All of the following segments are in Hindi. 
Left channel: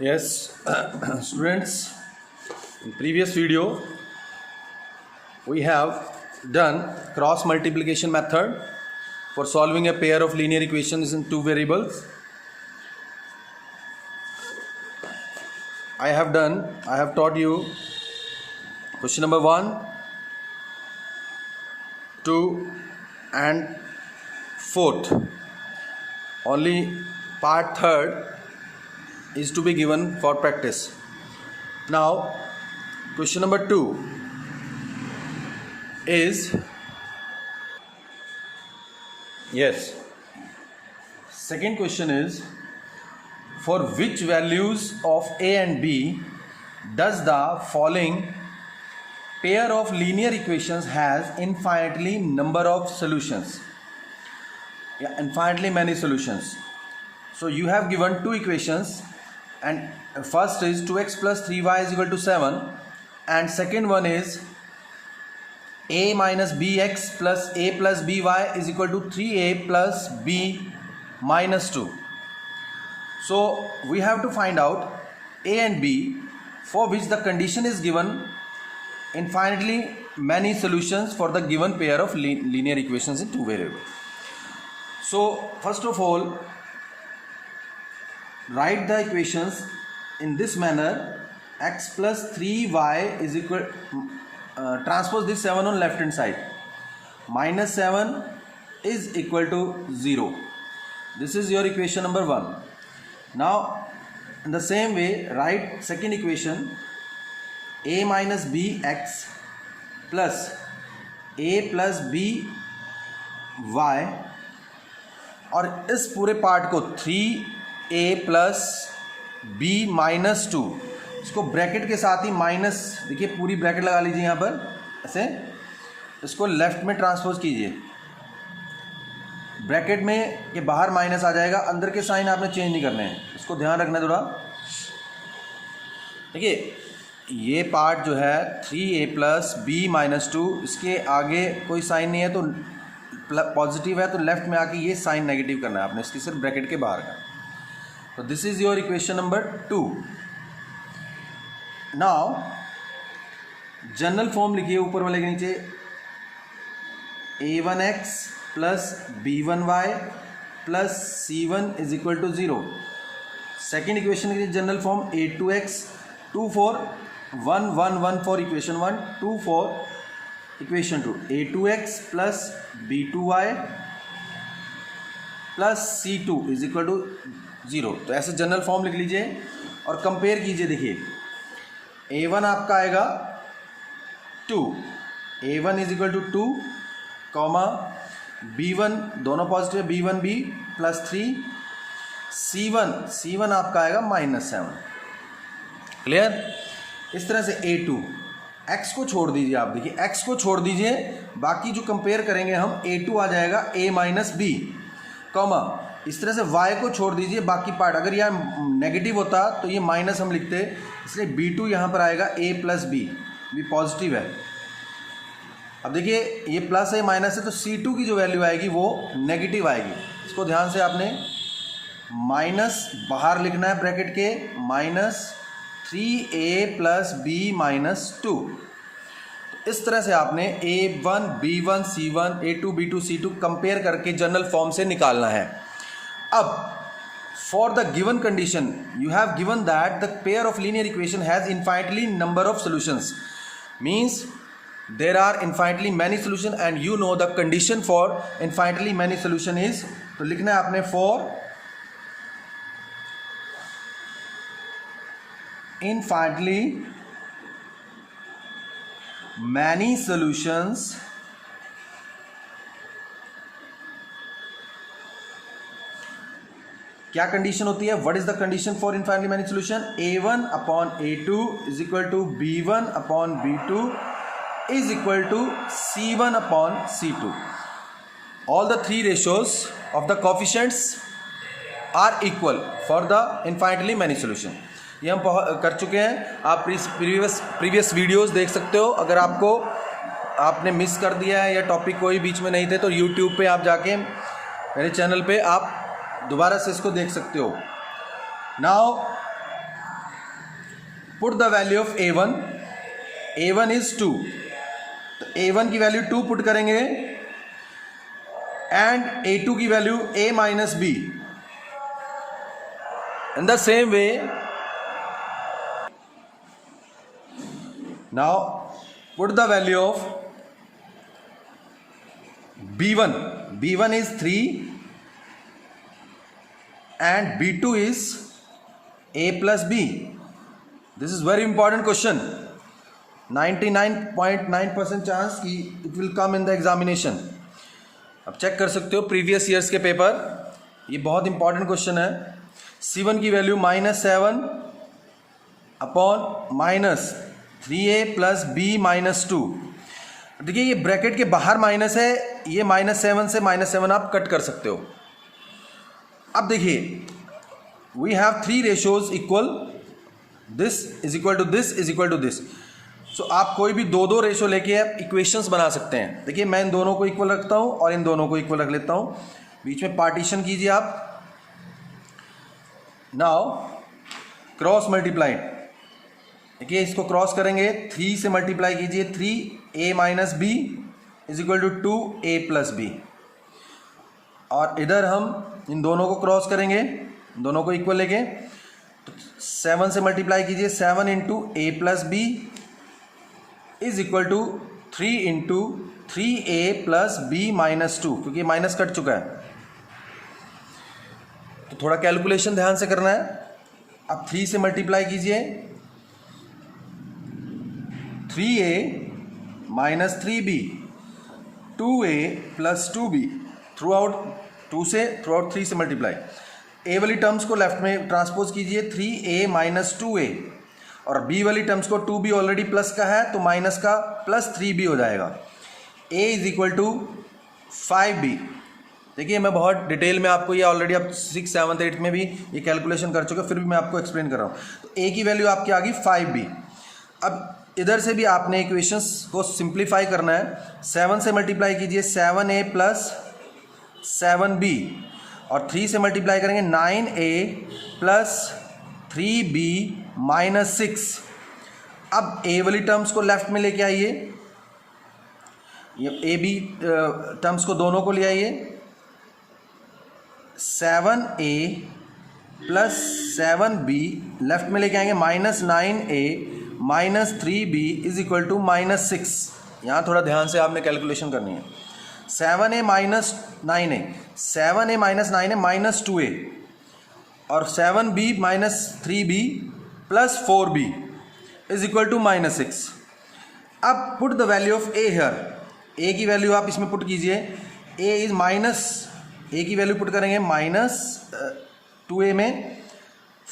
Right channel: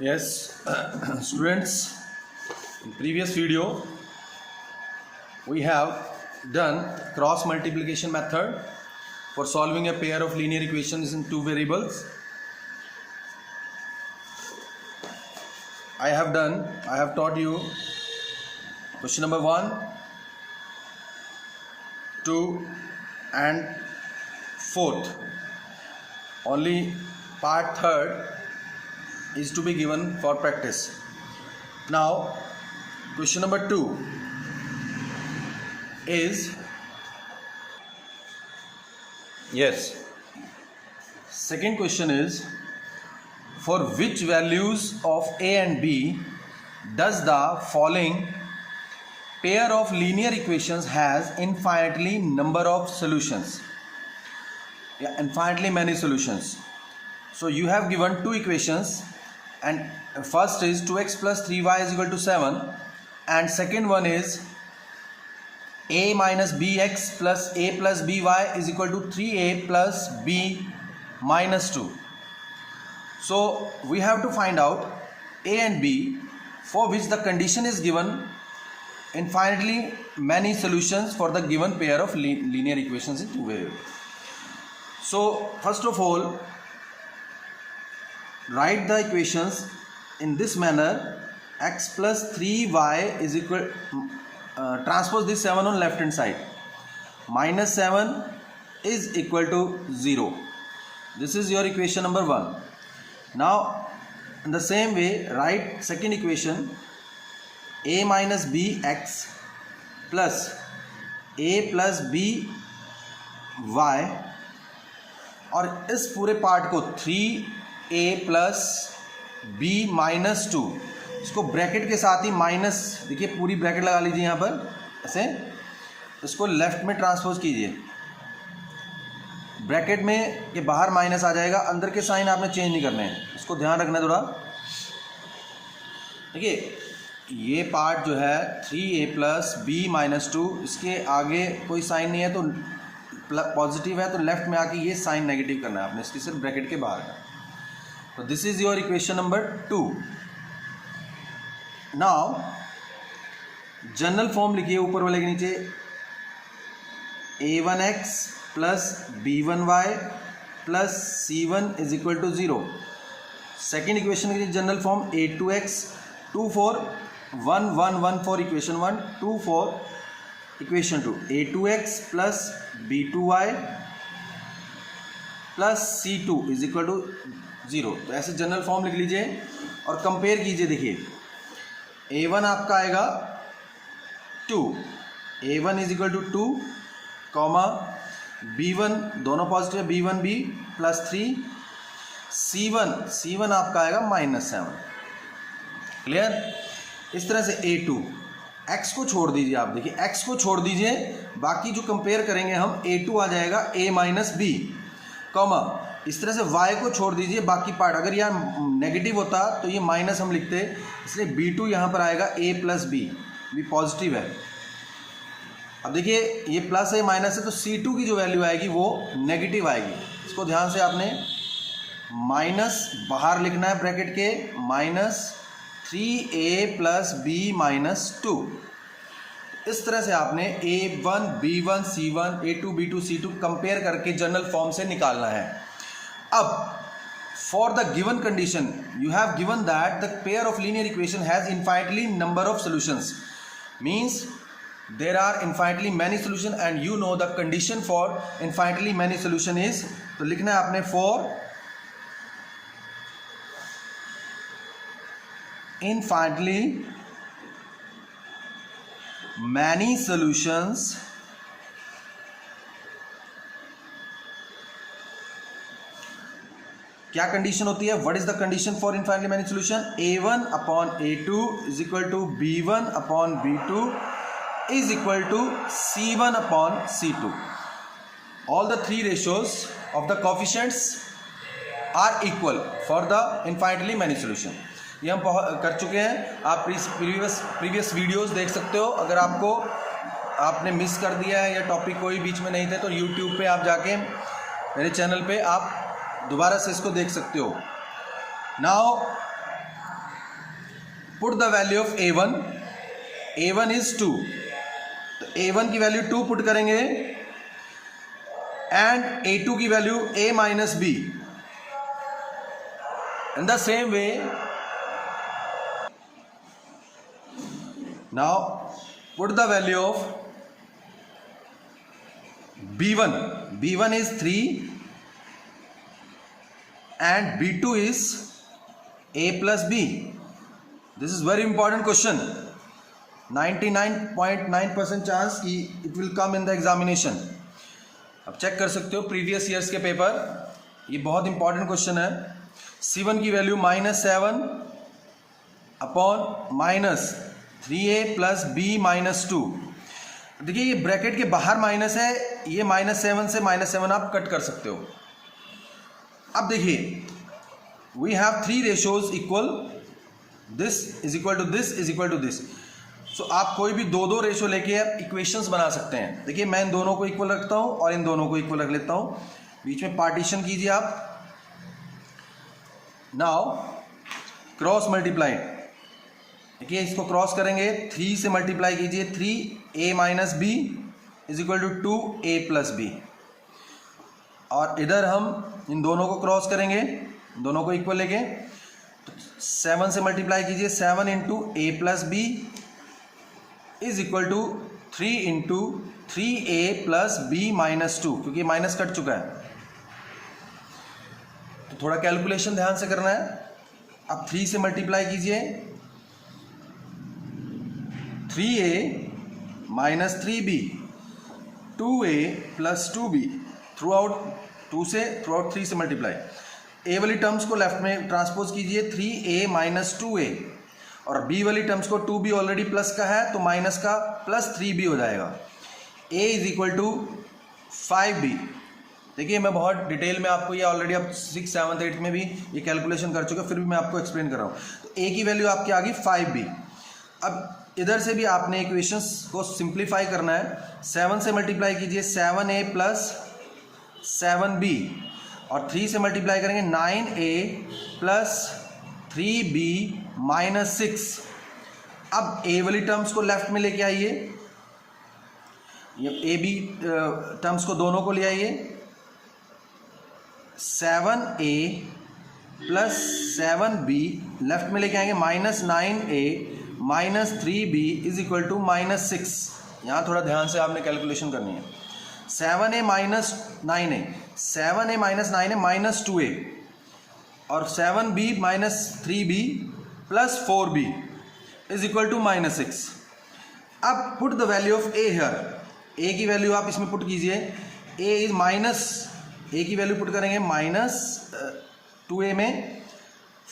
Yes, students, in previous video we have done cross multiplication method for solving a pair of linear equations in two variables. I have taught you question number 1, 2 and 4th. Only part 3rd is to be given for practice. Now question number 2 is, second question is, for which values of a and b does the following pair of linear equations has infinitely number of solutions? Infinitely many solutions. So you have given two equations, and first is 2x plus 3y is equal to 7, and second one is a minus bx plus a plus by is equal to 3a plus b minus 2. So we have to find out a and b for which the condition is given infinitely many solutions for the given pair of linear equations in two variables. So first of all, write the equations in this manner: x plus 3y is equal, transpose this 7 on left hand side, minus 7 is equal to 0. This is your equation number 1. Now in the same way, write second equation: a minus bx plus a plus by, और इस पूरे पार्ट को 3a प्लस b माइनस 2, इसको ब्रैकेट के साथ ही माइनस, देखिए पूरी ब्रैकेट लगा लीजिए यहाँ पर ऐसे, इसको लेफ्ट में ट्रांसपोज कीजिए, ब्रैकेट में के बाहर माइनस आ जाएगा, अंदर के साइन आपने चेंज नहीं करने हैं, इसको ध्यान रखना है थोड़ा। देखिए ये पार्ट जो है 3a प्लस b माइनस 2, इसके आगे कोई साइन नहीं है तो पॉजिटिव है, तो लेफ्ट में आके ये साइन नेगेटिव करना है आपने, इसकी सिर्फ ब्रैकेट के बाहर का। तो this is your equation number 2। Now general form लिखिए ऊपर वाले के नीचे, a1x plus b1y plus c1 is equal to 0। Second equation के लिए general form a2x 2 4 1 1 1 4 equation 1 2 4 equation 2 a2x plus b2y plus c2 is equal to 0। तो ऐसे जनरल फॉर्म लिख लीजिए और कंपेयर कीजिए। देखिए a1 आपका आएगा 2, a1 is equal to 2 comma b1 दोनों पॉजिटिव, b1b प्लस 3, c1 आपका आएगा माइनस 7। क्लियर? इस तरह से a2, x को छोड़ दीजिए, आप देखिए x को छोड़ दीजिए, बाकी जो कंपेयर करेंगे हम a2 आ जाएगा a माइनस b, कॉमा इस तरह से y को छोड़ दीजिए, बाकी पार्ट, अगर यह नेगेटिव होता तो ये माइनस हम लिखते, इसलिए b2 यहाँ पर आएगा a प्लस b, भी पॉजिटिव है। अब देखिए ये प्लस है माइनस है, तो c2 की जो वैल्यू आएगी वो नेगेटिव आएगी, इसको ध्यान से आपने माइनस बाहर लिखना है ब्रैकेट के, minus 3a plus b minus 2। इस तरह से आपने a1 b1 c1 a2 b2 c2 compare करके जनरल फॉर्म से निकालना है। अब for the given condition you have given that the pair of linear equation has infinitely number of solutions, means there are infinitely many solution and you know the condition for infinitely many solution is, तो लिखना है आपने फॉर infinitely many solutions क्या कंडीशन होती है? What is the condition for infinitely many solution? a1 upon a2 is equal to b1 upon b2 is equal to c1 upon c2। All the three ratios of the coefficients are equal for the infinitely many solution. ये हम कर चुके हैं, आप प्रीवियस वीडियोस देख सकते हो। अगर आपने मिस कर दिया है या टॉपिक कोई बीच में नहीं थे तो यूट्यूब पे आप जाके मेरे चैनल पे आप दोबारा से इसको देख सकते हो। Now put the value of A1, A1 is 2, तो A1 की वैल्यू 2 पुट करेंगे एंड A2 की value A minus B. In the same way now put the value of B1, B1 is 3 and B2 is A plus B. This is very important question. 99.9% chance कि it will come in the examination. अब चेक कर सकते हो प्रीवियस ईयर्स के पेपर, ये बहुत इंपॉर्टेंट क्वेश्चन है. C1 की value -7 upon -3A plus B -2. देखिए ये ब्रैकेट के बाहर माइनस है, ये -7 से -7 आप कट कर सकते हो. अब देखिए we have 3 ratios equal, this is equal to this is equal to this. So आप कोई भी दो रेशो लेके इक्वेशंस बना सकते हैं. देखिए मैं इन दोनों को इक्वल रखता हूं और इन दोनों को इक्वल रख लेता हूं, बीच में पार्टीशन कीजिए आप. नाउ क्रॉस मल्टीप्लाई, देखिए इसको क्रॉस करेंगे, 3 से मल्टीप्लाई कीजिए, 3A minus B is equal to 2A plus B. और इधर हम इन दोनों को क्रॉस करेंगे, दोनों को इक्वल लेके, तो 7 से मल्टीप्लाई कीजिए, 7 into A plus B is equal to 3 into 3A plus B minus 2, क्योंकि माइनस कट चुका है. तो थोड़ा कैलकुलेशन ध्यान से करना है. अब 3 से मल्टीप्लाई कीजिए, 3A minus 3B, 2A plus 2B, through out 2 से थ्रू आउट 3 से मल्टीप्लाई. A वाली टर्म्स को लेफ्ट में ट्रांसपोज कीजिए, 3A माइनस 2A, और B वाली टर्म्स को 2B ऑलरेडी प्लस का है तो माइनस का प्लस 3B हो जाएगा. A is equal to 5B. देखिए मैं बहुत डिटेल में आपको ये ऑलरेडी आप 6, 7, 8 में भी ये कैलकुलेशन कर चुके, फिर भी मैं आपको एक्सप्लेन कर रहा हूँ. तो A की वैल्यू आपकी आ गई 5B. अब इधर से भी आपने इक्वेशंस को सिंप्लीफाई करना है. 7 से मल्टीप्लाई कीजिए, 7A प्लस 7B, और 3 से मल्टीप्लाई करेंगे 9A प्लस 3B माइनस 6. अब A वाली टर्म्स को लेफ्ट में लेके आइए, ये A B टर्म्स को दोनों को ले आइए. 7A प्लस 7B लेफ्ट में लेके आएंगे, minus 9A minus 3B is equal to minus 6. यहाँ थोड़ा ध्यान से आपने कैलकुलेशन करनी है. 7A minus 9A, 7A minus 9A minus 2A, और 7B minus 3B plus 4B is equal to minus 6. अब put the value of A here. A की वैल्यू आप इसमें पुट कीजिए. A इज माइनस, A की वैल्यू पुट करेंगे माइनस 2A में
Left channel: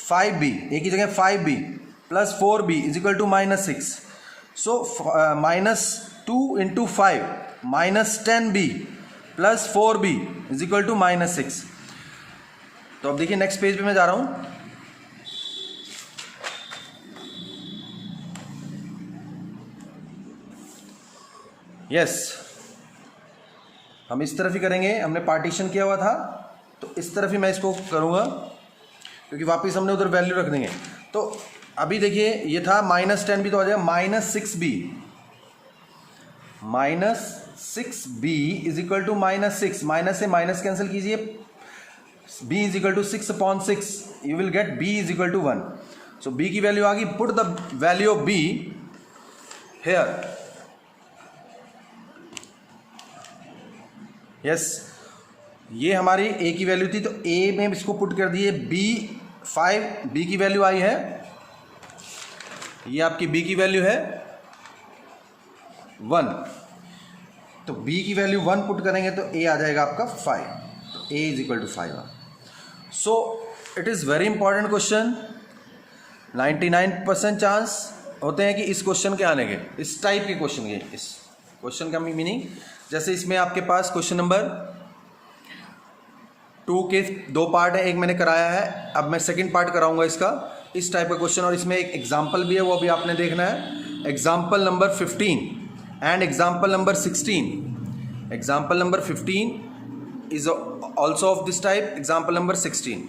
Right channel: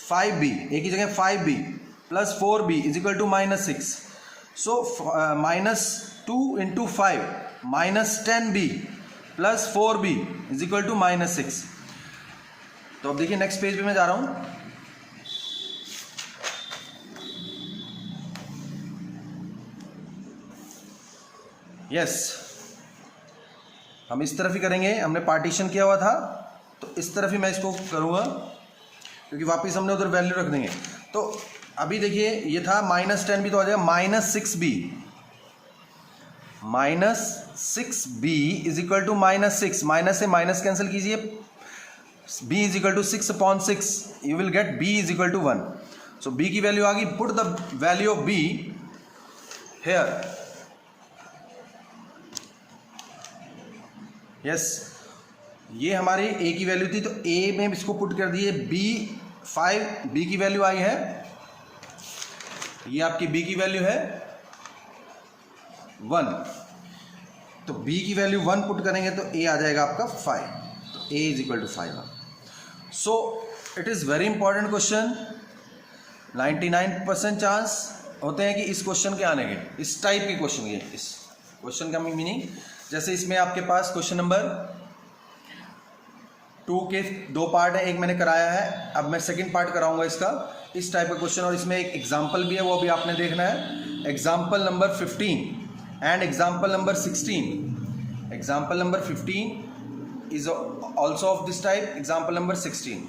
5B, A की जगह 5B plus 4B is equal to minus 6. So minus 2 into 5 minus 10B plus 4B is equal to minus 6. तो अब देखिए नेक्स्ट पेज पे मैं जा रहा हूं. यस, हम इस तरफ ही करेंगे. हमने पार्टीशन किया हुआ था तो इस तरफ ही मैं इसको करूंगा, क्योंकि वापस हमने उधर वैल्यू रख देंगे. तो अभी देखिए ये था माइनस 10B, तो आ जाएगा minus 6B. Minus 6B is equal to minus 6. Minus से माइनस कैंसिल कीजिए, B is equal to 6 upon 6, you will get B is equal to 1. So B की वैल्यू आ गई. Put the value of B here. Yes, ये हमारी A की वैल्यू थी, तो A में इसको पुट कर दिए. B की वैल्यू आई है, ये आपकी B की वैल्यू है 1. तो B की वैल्यू 1 पुट करेंगे तो A आ जाएगा आपका 5. तो A is equal to 5. So it is very important question. 99% chance होते हैं कि इस क्वेश्चन के आने के, इस टाइप के क्वेश्चन के. इस क्वेश्चन का मीनिंग, जैसे इसमें आपके पास क्वेश्चन नंबर 2 के 2 पार्ट है, एक मैंने कराया है, अब मैं सेकंड पार्ट कराऊंगा इसका. इस टाइप का क्वेश्चन, और इसमें एक एग्जाम्पल भी है, वो भी आपने देखना है. Example number 15 and example number 16. Example number 15 is also of this type, example number 16.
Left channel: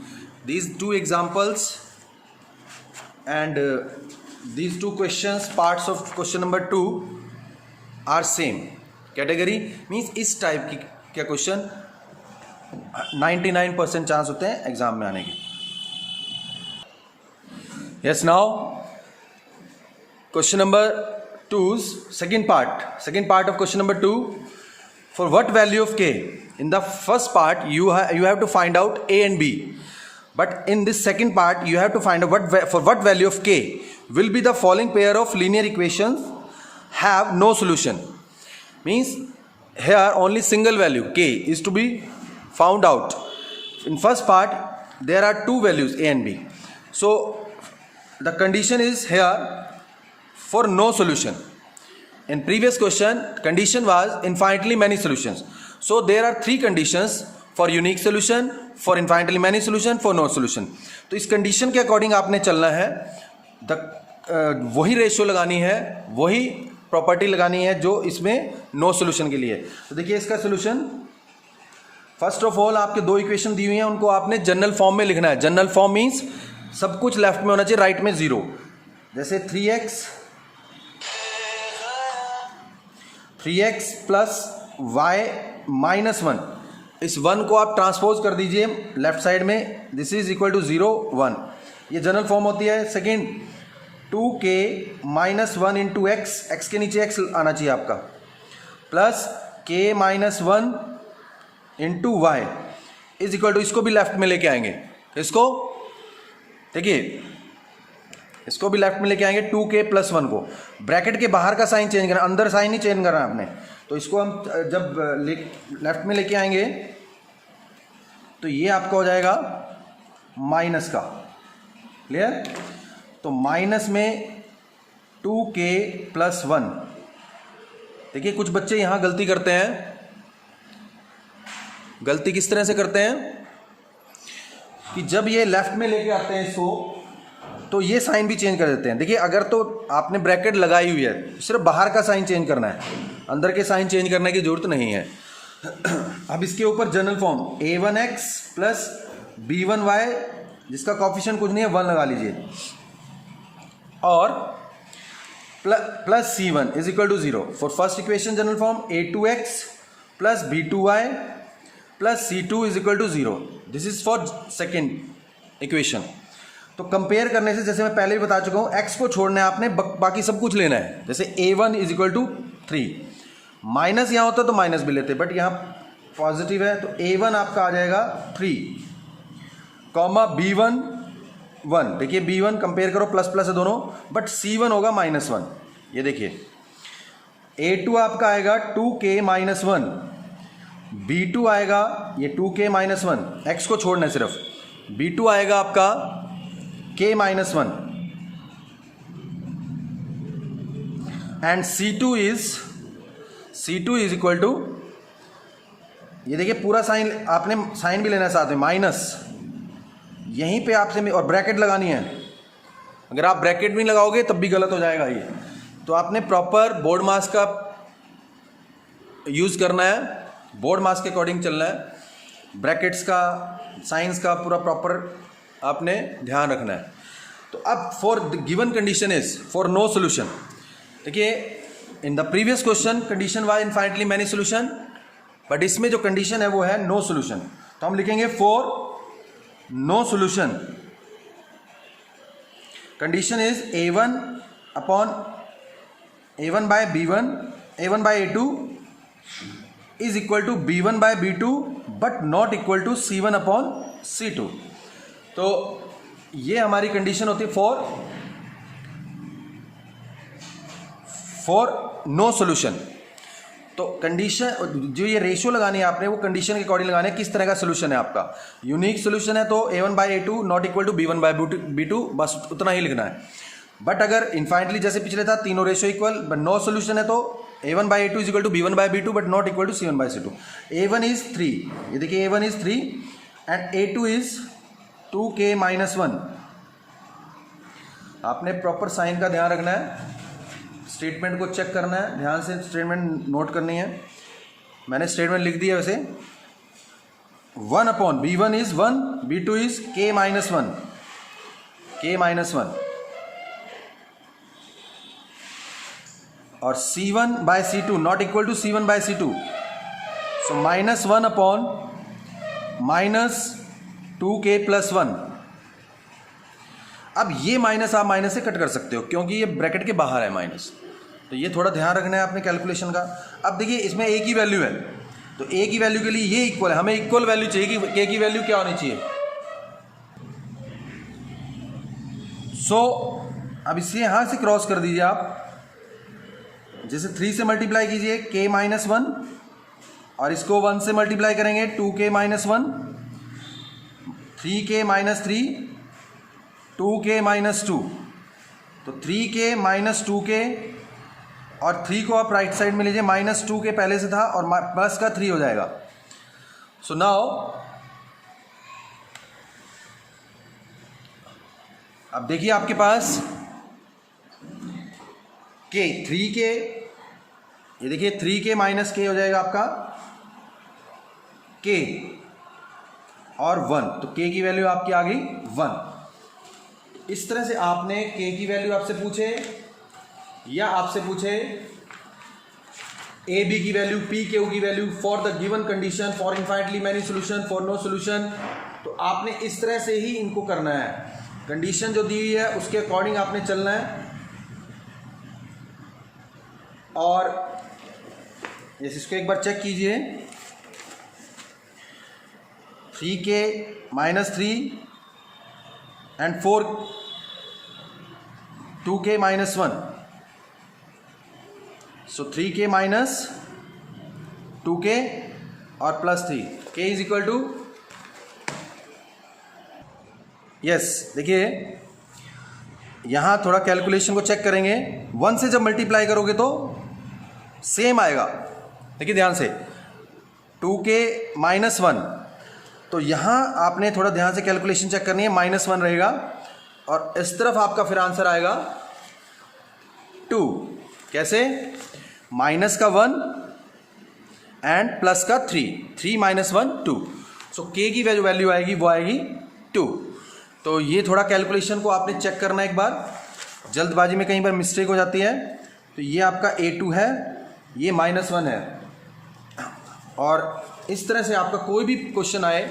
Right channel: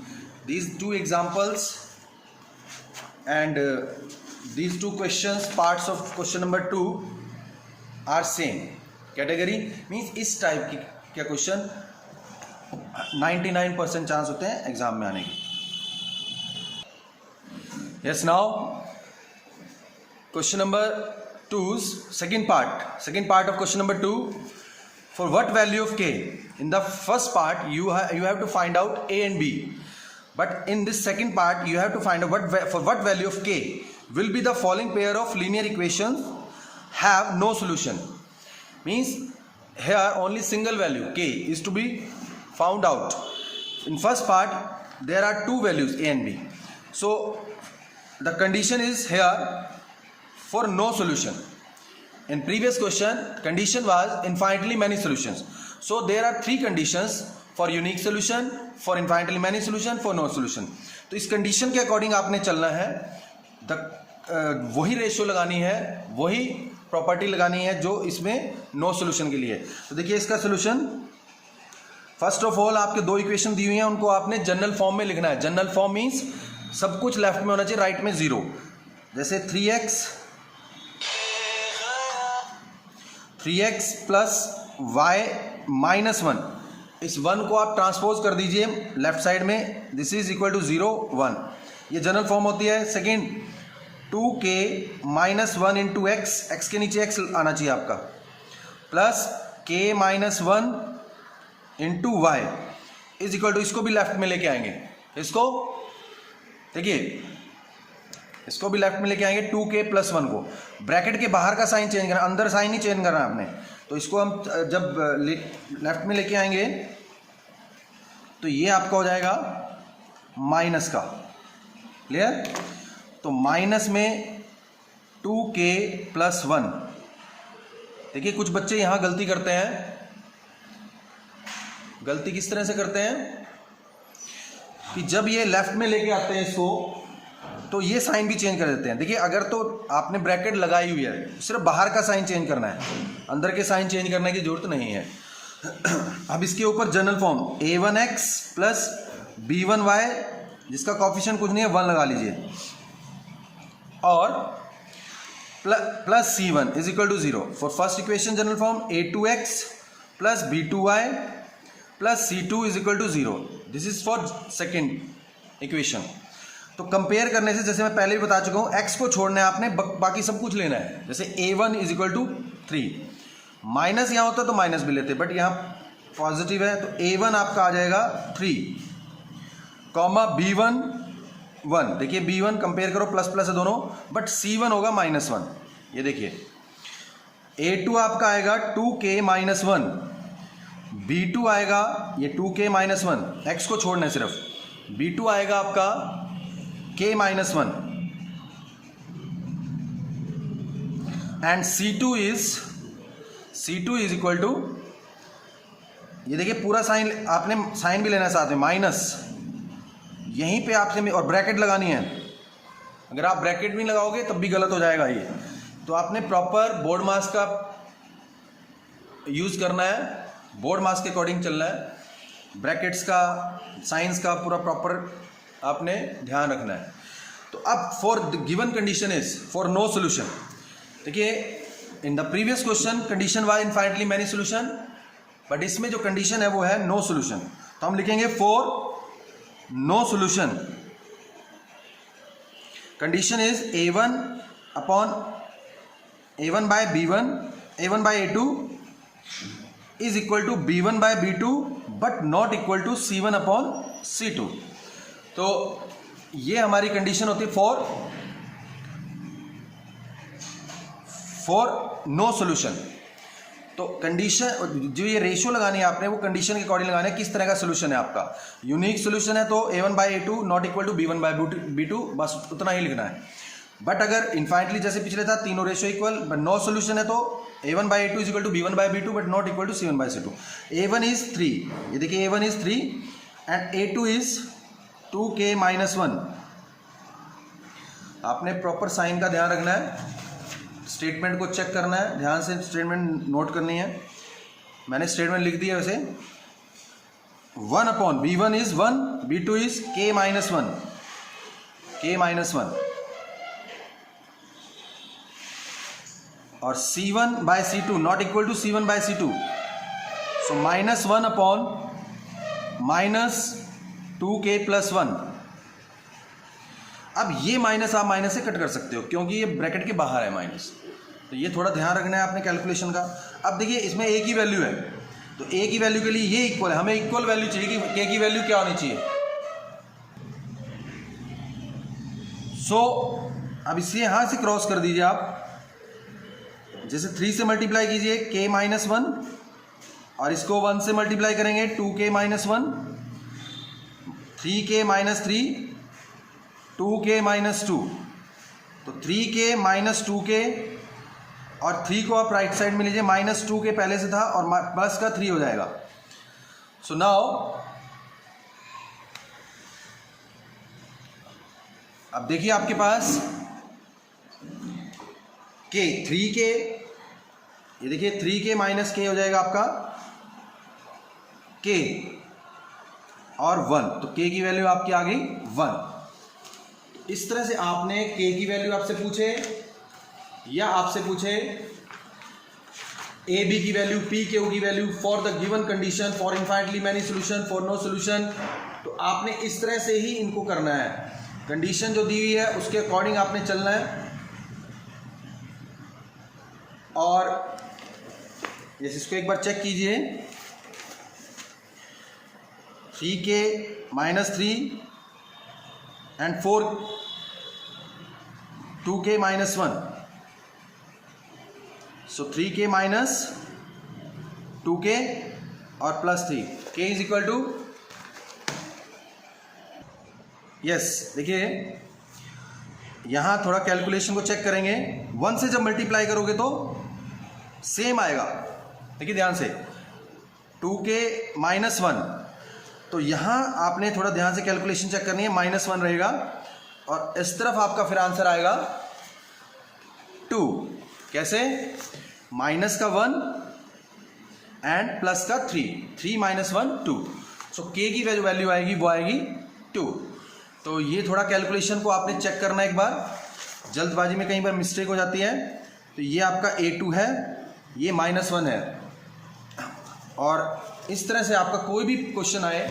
These two examples, and these two questions, parts of question number 2 are same category, means इस टाइप की क्या क्वेश्चन 99% चांस होते हैं एग्जाम में आने की. Yes, now question number 2's second part of question number 2. For what value of k? In the first part you have to find out a and b, but in this second part you have to find out for what value of k will be the following pair of linear equations have no solution. Means here only single value k is to be found out. In first part there are two values a and b, so the condition is here for no solution. In previous question condition was infinitely many solutions, so there are three conditions for unique solution, for infinitely many solution, for no solution. तो इस कंडीशन के अकॉर्डिंग आपने चलना है, वही रेशियो लगानी है, वही प्रॉपर्टी लगानी है जो इसमें नो सोल्यूशन के लिए. तो देखिए इसका सोल्यूशन, फर्स्ट ऑफ ऑल आपके दो इक्वेशन दी हुई हैं, उनको आपने जनरल फॉर्म में लिखना है. जनरल फॉर्म मीन्स सब कुछ लेफ्ट में होना चाहिए, राइट में जीरो. जैसे 3x प्लस y माइनस 1, इस 1 को आप ट्रांसपोज कर दीजिए लेफ्ट साइड में, दिस इज इक्वल टू 0 1. ये जनरल फॉर्म होती है. Second 2k minus 1 into x के नीचे x आना चाहिए आपका, plus k minus 1 into y is equal to, इसको भी लेफ्ट में लेके आएंगे, इसको देखिए इसको भी लेफ्ट में लेके आएंगे 2k प्लस 1 को. ब्रैकेट के बाहर का साइन चेंज करना, अंदर साइन नहीं चेंज करना आपने. तो इसको हम जब लेफ्ट में लेके आएंगे तो ये आपका हो जाएगा माइनस का. क्लियर? तो माइनस में 2k प्लस 1. देखिए कुछ बच्चे यहाँ गलती करते हैं. गलती किस तरह से करते हैं कि जब ये लेफ्ट में लेके आते हैं इसको, तो ये साइन भी चेंज कर देते हैं. देखिए अगर तो आपने ब्रैकेट लगाई हुई है, सिर्फ बाहर का साइन चेंज करना है, अंदर के साइन चेंज करने की जरूरत नहीं है. अब इसके ऊपर general form a1x plus b1y, जिसका कॉफिशिएंट कुछ नहीं है 1 लगा लीजिए, और plus c1 is equal to 0. For first equation general form a2x plus b2y plus c2 is equal to 0. This is for second equation. तो कंपेयर करने से, जैसे मैं पहले भी बता चुका हूँ, x को छोड़ना है आपने, बाकी सब कुछ लेना है. जैसे a1 is equal to 3, minus यहाँ होता तो माइनस भी लेते, बट यहाँ पॉजिटिव है, तो a1 आपका आ जाएगा 3, कॉमा b1 1. देखिए b1 कंपेयर करो, प्लस प्लस है दोनों, बट c1 होगा माइनस 1. ये देखिए a2 आपका आएगा 2k माइनस 1, b2 आएगा ये 2k माइनस 1, x को छोड़ना है सिर्फ, b2 आएगा आपका k minus 1, and c2 is equal to, ये देखिए पूरा साइन, आपने साइन भी लेना है साथ में, माइनस यहीं पे आपसे, और ब्रैकेट लगानी है. अगर आप ब्रैकेट भी लगाओगे तब भी गलत हो जाएगा ये. तो आपने प्रॉपर बोर्ड मास का यूज़ करना है, बोर्ड मास के अकॉर्डिंग चलना है, ब्रैकेट्स का, साइंस का पूरा प्रॉपर आपने ध्यान रखना है. तो अब for given condition is for no solution. देखिए in the previous question condition was infinitely many solution, but इसमें जो कंडीशन है वो है नो सोल्यूशन. तो हम लिखेंगे for no solution condition is a1 upon a1 by b1, a1 by a2 is equal to b1 by b2, but not equal to c1 upon c2. तो ये हमारी कंडीशन होती है फॉर नो सोल्यूशन. तो कंडीशन जो ये रेशियो लगानी है आपने, वो कंडीशन के अकॉर्डिंग लगानी है, किस तरह का सोल्यूशन है आपका. यूनिक सोल्यूशन है तो a1 by a2 not equal to b1 by b2, बस उतना ही लिखना है. बट अगर इन्फाइनाइटली जैसे पिछले था तीनों ratio equal, but no solution है तो a1 by a2 is equal to b1 by b2, but not equal to c1 by c2. a1 is 3, ये देखिए a1 is 3 and a2 is 2k minus 1. आपने प्रॉपर साइन का ध्यान रखना है, स्टेटमेंट को चेक करना है, ध्यान से स्टेटमेंट नोट करनी है. मैंने स्टेटमेंट लिख दिया वैसे. 1 upon b1 is 1, b2 is k minus 1, k minus 1. और C1/C2 not equal to C1/C2, so -1 अपॉन -2k + 1। अब ये माइनस आप माइनस से कट कर सकते हो क्योंकि ये ब्रैकेट के बाहर है माइनस, तो ये थोड़ा ध्यान रखना है आपने कैलकुलेशन का। अब देखिए इसमें a की वैल्यू है, तो a की वैल्यू के लिए ये इक्वल है, हमें इक्वल वैल्यू चाहिए कि k की वैल्यू क्या होनी चाहिए। सो अब इसलिए यहां से क्रॉस कर दीजिए आप, जैसे 3 से मल्टीप्लाई कीजिए k - 1 और इसको 1 से मल्टीप्लाई करेंगे 2k - 1, 3k - 3, 2k - 2, तो 3k - 2k और 3 को आप राइट साइड में लीजिए, -2k पहले से था और प्लस का 3 हो जाएगा। सो नाउ अब देखिए आपके पास k 3k, ये देखिए 3k - k हो जाएगा आपका k और 1, तो k की वैल्यू आपकी आ गई 1। इस तरह से आपने k की वैल्यू आपसे पूछे या आपसे पूछे a b की वैल्यू, p q की value for the given condition, for infinitely many solution, for no solution, तो आपने इस तरह से ही इनको करना है। कंडीशन जो दी हुई है उसके अकॉर्डिंग आपने चलना है। और इसको एक बार चेक कीजिए, 3k - 3 and 2k - 1, so 3k - 2k और +3, k is equal to yes. देखिए यहां थोड़ा कैलकुलेशन को चेक करेंगे, 1 से जब मल्टीप्लाई करोगे तो सेम आएगा। देखिए ध्यान से 2k - 1, तो यहां आपने थोड़ा ध्यान से कैलकुलेशन चेक करनी है, -1 रहेगा और इस तरफ आपका फिर आंसर आएगा 2। कैसे? माइनस का 1 एंड प्लस का 3, 3 - 1 2, सो k की वैल्यू आएगी वो आएगी 2। तो ये थोड़ा कैलकुलेशन को आपने चेक करना एक बार, जल्दबाजी में कहीं पर मिस्टेक हो जाती है। तो ये आपका A2 है, ये -1 है। और इस तरह से आपका कोई भी क्वेश्चन आए,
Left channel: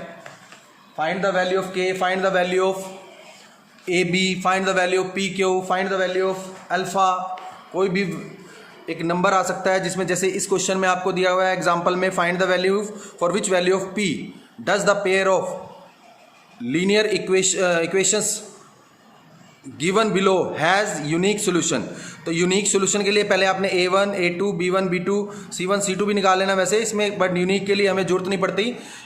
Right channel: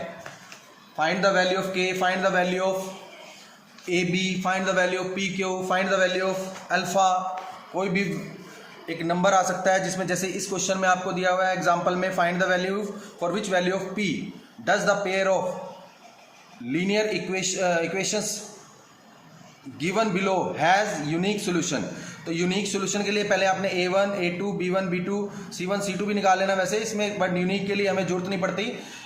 find the value of k, find the value of AB, find the value of PQ, find the value of alpha, कोई भी एक नंबर आ सकता है जिसमें, जैसे इस क्वेश्चन में आपको दिया हुआ है एग्जांपल में, find the value for which value of P does the pair of linear equations given below has unique solution. तो यूनिक सोल्यूशन के लिए पहले आपने A1, A2, B1, B2, C1, C2 भी निकाल लेना वैसे इसमें, बट यूनिक के लिए हमें जरूरत नहीं पड़ती।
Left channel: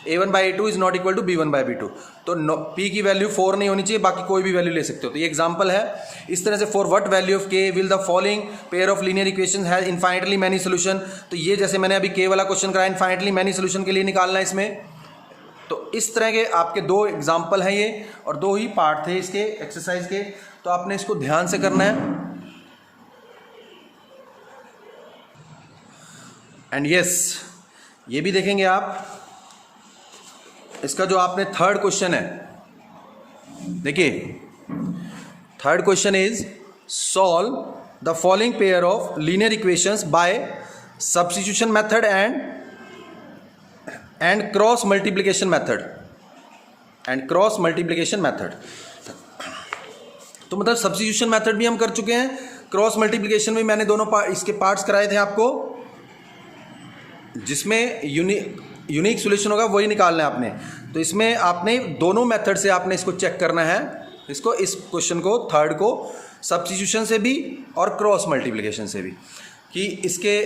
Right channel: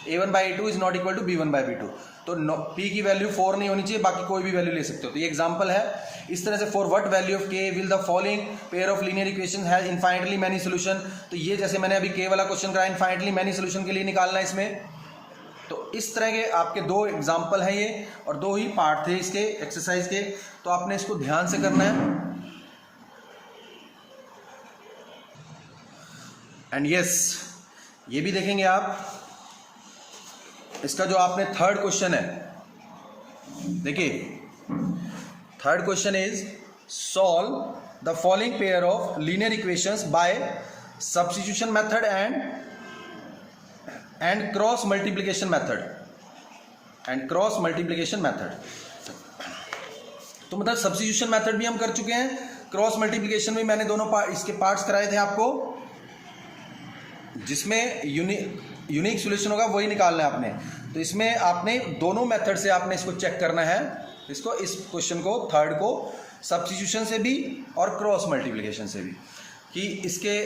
A1/A2 is not equal to B1/B2, तो P की वैल्यू 4 नहीं होनी चाहिए, बाकी कोई भी वैल्यू ले सकते हो। तो ये एग्जांपल है। इस तरह से for what value of K will the following pair of linear equation has infinitely many solution. तो ये जैसे मैंने अभी K वाला क्वेश्चन कराया, इनफाइनाइटली मैनी सोल्यूशन के लिए निकालना है इसमें। तो इस तरह के आपके 2 एग्जाम्पल हैं ये, और 2 ही पार्ट थे इसके एक्सरसाइज के, तो आपने इसको ध्यान से करना है। एंड यस, ये भी देखेंगे आप, इसका जो आपने थर्ड क्वेश्चन है, देखिए third question is solve the following pair of linear equations bye substitution method and cross multiplication method, तो मतलब सब्स्टिट्यूशन मेथड भी हम कर चुके हैं, क्रॉस मल्टीप्लिकेशन में मैंने दोनों इसके पार्ट्स कराए थे आपको, जिसमें यूनिक सॉल्यूशन होगा वही निकालना है आपने। तो इसमें आपने दोनों मेथड से आपने इसको चेक करना है, इसको, इस क्वेश्चन को, थर्ड को, सब्स्टिट्यूशन से भी और क्रॉस मल्टीप्लिकेशन से भी, कि इसके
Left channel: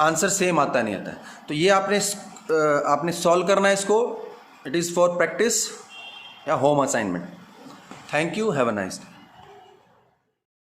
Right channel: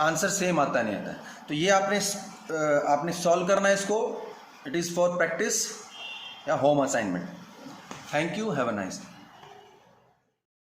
आंसर सेम आता नहीं आता है। तो ये आपने सॉल्व करना है इसको। इट इज़ फॉर प्रैक्टिस या home assignment. Thank you, have a nice day.